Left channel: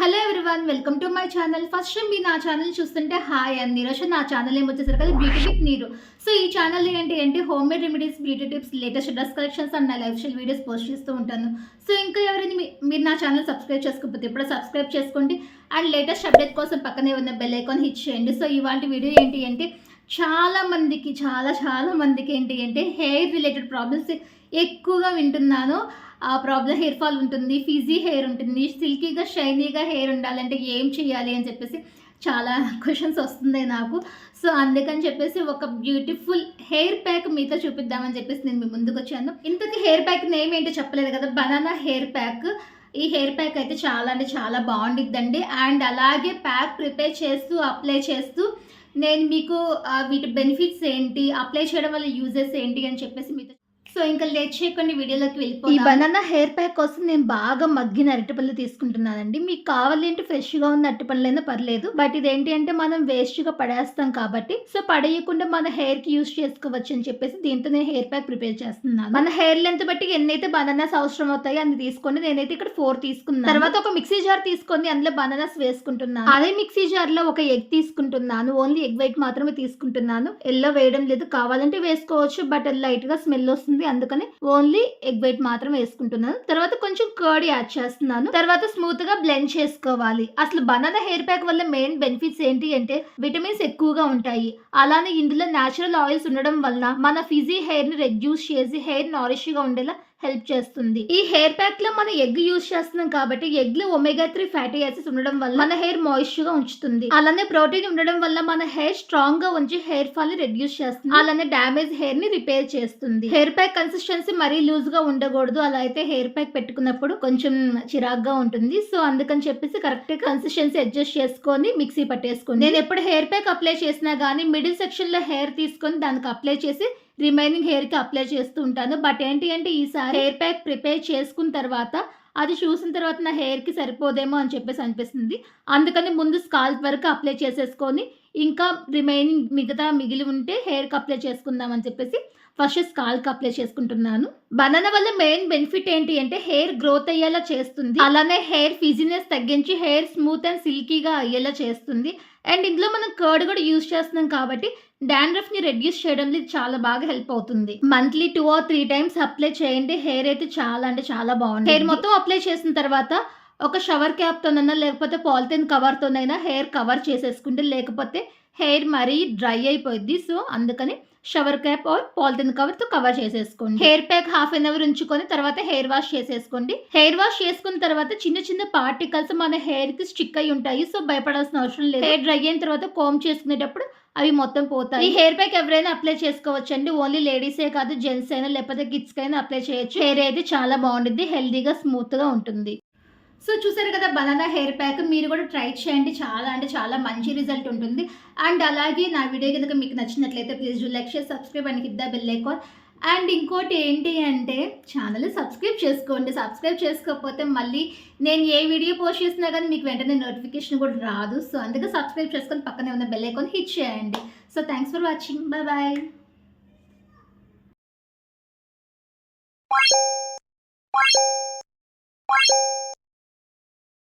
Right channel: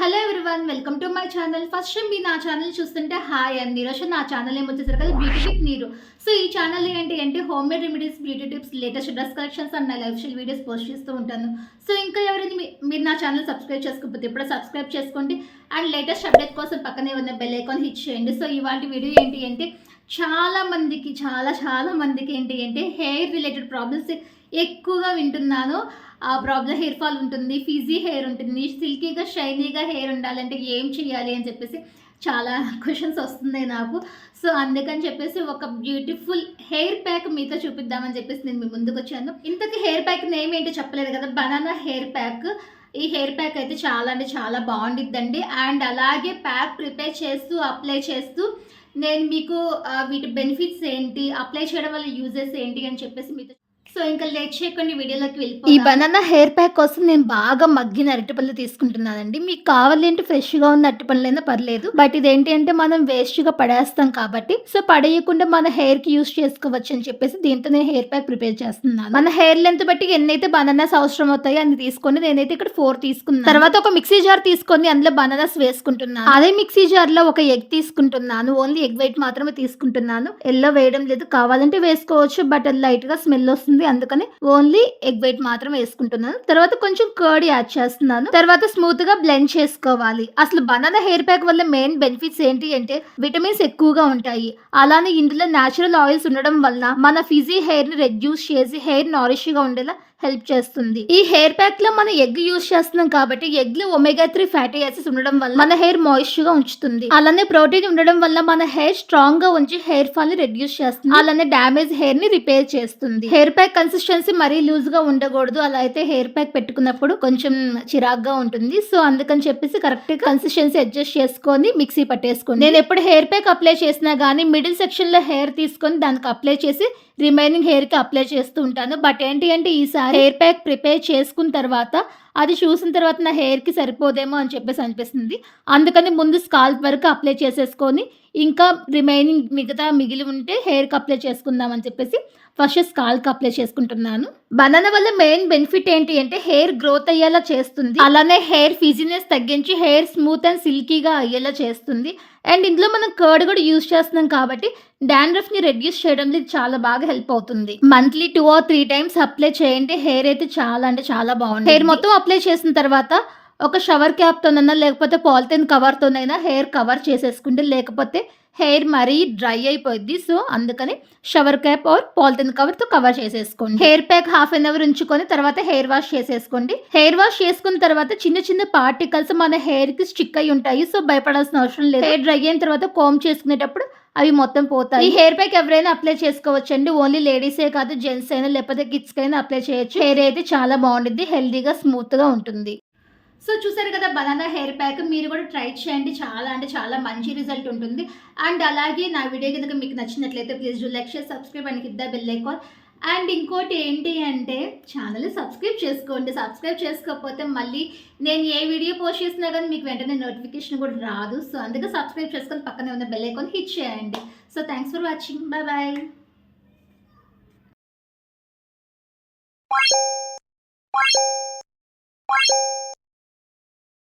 Hello everyone, welcome to my channel. First time మీరు నా channel చూస్తుంటే హాయ్ అండి. ఈరోజు నా ఛానల్ ఏమొచ్చేసరికి కదా బ్యూటీ విత్ నీరు. సో ఈ ఛానల్ ఏంటి home made remedies, beauty tips, latest dress collections and నా లైఫ్ స్టైల్ వీడియోస్ పోస్ట్ చేస్తూ ఉంటాను. సో ఇంకా ఎవరైనా మీరు నా ఛానల్ సబ్స్క్రైబ్ చేసుకోకపోతే ఇప్పుడు సబ్స్క్రైబ్ చేసుకోండి అండ్ లేటెస్ట్ అప్డేట్ కోసం పక్కనే ఉన్న బెల్ ఐకాన్ హిట్ చేయండి. సో ఇవాళ వీడియో ఏంటి అంటే చాలా మందికి ఏంటి అంటే హెయిర్ రిలేటెడ్ ప్రాబ్లమ్స్ ఎక్కువగా వింటున్నాను. ఆ ప్రాబ్లం హెయిర్ ఫాల్ ఉంటుంది, ఫీజీ హెయిర్ ఉంటుంది, సిల్కీగా షైనీగా హెయిర్ ఉండాలంటే ఏం చేయాలి అని చెప్పేసి చాలా క్వశ్చన్స్ వస్తున్నాయి నాకు. సో అందుకని చెప్పేసి ఒక బ్యూటిఫుల్ హెయిర్ ప్యాక్ మీతో చూపిద్దామని చెప్పేసి నేను మీ ముందుకు వచ్చాను. ఇంతకీ హెయిర్ ప్యాక్ నేమ్ ఏంటో చెప్పలేదు కదా, బనానా హెయిర్ ప్యాక్. ఈ హెయిర్ ప్యాక్ అయితే చాలా అంటే చాలా బాగుండిద్దండి. అండ్ అలాగే ప్యాక్ ప్రిపేర్ చేస్తూ అప్లై చేస్తూ నేను మీకు వీటి బెనిఫిట్స్ ఏంటి, అప్లై చేయడం వల్ల యూజెస్ ఏంటి అని చెప్పేసి మీతో. సో ఇంకా లేట్ చేయకుండా వీడియోలోకి వెళ్ళిపోయి, ఈ బనానా హెయిర్ ప్యాక్ కోసం నేను బాగా మగ్గిన అరటిపళ్ళు తీసుకుంటున్నానండి. మీకు కావాలి అంటే ఫ్రెష్గా ఉన్న అరటిపళ్ళైనా పర్లేదు, బట్ ఇదేంటి అంటే మనం వేస్ట్గా పడేస్తాం కాబట్టి సో పడేయకుండా మన హెయిర్ కి యూస్ చేసుకోవచ్చు అని చెప్పేసి దీంతో నేను హెయిర్ ప్యాక్ ప్రిపేర్ చేస్తున్నాను. మన హెయిర్ లెంత్ బట్టి ఎన్నైతే బనానాస్ అవసరం అవుతాయో అన్ని తీసుకొని నేనైతే ఇక్కడ 4 తీసుకున్నాను. తర్వాత ఒక మిక్సీ జార్ తీసుకొని అందులో బనానాస్ వేసుకుంటున్నాను. అదే మిక్సీ జార్ లో ఒక ఎగ్ తీసుకుంటున్నాను. ఓన్లీ ఎగ్ వైట్ మాత్రమే తీసుకుంటున్నాను. ఎల్లో వేయడం లేదు, కావాలంటే వేసుకోవచ్చు బట్ అది లైట్ గా స్మెల్ వస్తుంది, అందుకని ఓన్లీ ఎగ్ వైట్ మాత్రం వేసుకుంటున్నాను. తర్వాత కొంచెం కర్డ్ యాడ్ చేస్తున్నాను. తర్వాత స్మూత్ గా బ్లెండ్ చేసుకోవాలి. అసలు బనానా హెయిర్ ప్యాక్ వల్ల మెయిన్ బెనిఫిట్స్ ఏంటి అంటే విటమిన్స్ ఎక్కువగా ఉంటాయి. అలానే ఇందులో న్యాచురల్ ఆయిల్స్ ఉండడం వల్ల మన ఫిజీ హెయిర్ ని రెడ్యూస్ చేసి హెయిర్ నారిష్ గా ఉండేలా హెల్ప్ చేస్తుంది. ఈ హెయిర్ ప్యాక్ లో మనం ఎగ్ యూజ్ చేస్తున్నాం కాబట్టి ఎగ్ లో ఒమేగా 3 ఫ్యాటీ యాసిడ్స్ ఉండడం వల్ల మన హెయిర్ మాయిశ్చర్ గా ఉంచుతుంది. అలానే ప్రోటీన్ ఉండడం వల్ల మన హెయిర్ స్ట్రాంగ్ గా ఉంచి హెయిర్ ఫాల్ ని రెడ్యూస్ చేస్తుంది. అలానే డామేజ్ హెయిర్ ని రిపేర్ చేస్తుంది. హెయిర్ ప్యాక్ కన్సిస్టెన్సీ మరీ లూజ్ గా ఉండకూడదు, అలా అయితే హెయిర్ ప్యాక్ పెట్టుకున్నప్పుడు కొంచెం చిరాగ్గా ఉంటుంది. సో అందుకని చెప్పేసి కరెక్ట్ కన్సిస్టెన్సీ అడ్జస్ట్ చేసుకొని మిక్సీ పట్టేసుకోండి. నేను ఎప్పుడు హెయిర్ ప్యాక్ అప్లై చేసినా గానీ మిడిల్ సెక్షన్ లో హెయిర్ తీసుకొని దానికి అప్లై చేసి రిమైనింగ్ హెయిర్ కి అప్లై చేస్తూ ఉంటాను. బట్ ఏంటి అంటే ఈసారి హెయిర్ ప్యాక్ ప్రిపేర్ చేసుకున్న తర్వాత అది చూసిన తర్వాత నా హెయిర్ కి సరిపోదేమో అని చెప్పేసి అనిపిస్తుంది. అందుకని ముందు స్కాల్ప్ వరకు అప్లై చేసేసుకొని ఇంకా రిమైనింగ్ మిగిలి ఉంటే హెయిర్ కి అప్లై చేసుకుందాం అని చెప్పేసి ఫస్ట్ స్కాల్ప్ అప్లై చేసుకుంటున్నాను. బనానా వల్ల మెయిన్ బెనిఫిట్ ఏంటి అంటే హెయిర్ గ్రోత్ అయ్యేలా చేస్తుంది. అలానే హెయిర్ ఫిజినెస్ తగ్గించి హెయిర్ స్మూత్ అండ్ సిల్కీగా అయ్యేలా చేస్తుంది. అండ్ ఇందులో మనం కర్డ్ కూడా యూజ్ చేస్తున్నాం కాబట్టి డాండ్రఫ్ ని రెడ్యూస్ చేయడంలో చాలా బాగా హెల్ప్ అవుతుంది. మంత్లీ 2 or 3 టైమ్స్ అప్లై చేయండి. హెయిర్ అయితే చాలా అంటే చాలా బాగుంది. హెయిర్ మొత్తం అప్లై చేసిన తర్వాత ఒక షవర్ క్యాప్ తోనైనా లేకపోతే పాలిథిన్ కవర్ తోనైనా హెయిర్ కవర్ చేసేసుకుంటే, లేకపోతే హెయిర్ మరీ డ్రై అయిపోద్ది. సో అందుకని shower cap or polythene cover తో కవర్ చేసేసుకోండి. Hair pack half an hour ఉంచుకొని తర్వాత హెయిర్ వాష్ చేసేసుకోండి. హెయిర్ వాష్ చేసుకున్న తర్వాత చిన్న చిన్న పార్టికల్స్ మన హెయిర్ కి స్టిక్ అయి ఉంటాయి. సో భయపడాల్సిన అవసరం లేదు. హెయిర్ డ్రై అయిన తర్వాత కోమ్ చేసుకునేటప్పుడు అవి మొత్తం పోతాయి. ఈ హెయిర్ ప్యాక్ ఎవరైనా అప్లై చేసుకోవచ్చండి. ఓన్లీ లేడీసే కాదు, జెంట్స్ అయినా లేకపోతే కిడ్స్ అయినా అప్లై చేయొచ్చు. హెయిర్ అయితే చాలా బాగుంటుంది, హెల్దీగా స్మూత్ గా ఉంటుంది. సో చూసారు కదా బనానా హెయిర్ ప్యాక్, మీరు కూడా ట్రై చేయండి. చాలా అంటే చాలా మంచి రిజల్ట్ ఉంటుంది. అండ్ అలాగే నా వీడియో కనుక మీకు నచ్చినట్లయితే please do like, share, subscribe and hit the bell icon. And ఇంకోటి ఏంటి అంటే ఛానల్ సబ్స్క్రైబ్ చేసుకోండి. సబ్స్క్రైబ్ చేసుకోకపోతే మళ్ళీ నేను ఏ వీడియో పోస్ట్ చేసినా కానీ మీకు వెంటనే నోటిఫికేషన్ కూడా రాదు. సో అందుకే సబ్స్క్రైబ్ చేసుకొని పక్కనే ఉన్న బెల్ ఐకాన్ హిట్ చేయండి. So thanks for watching, bye bye.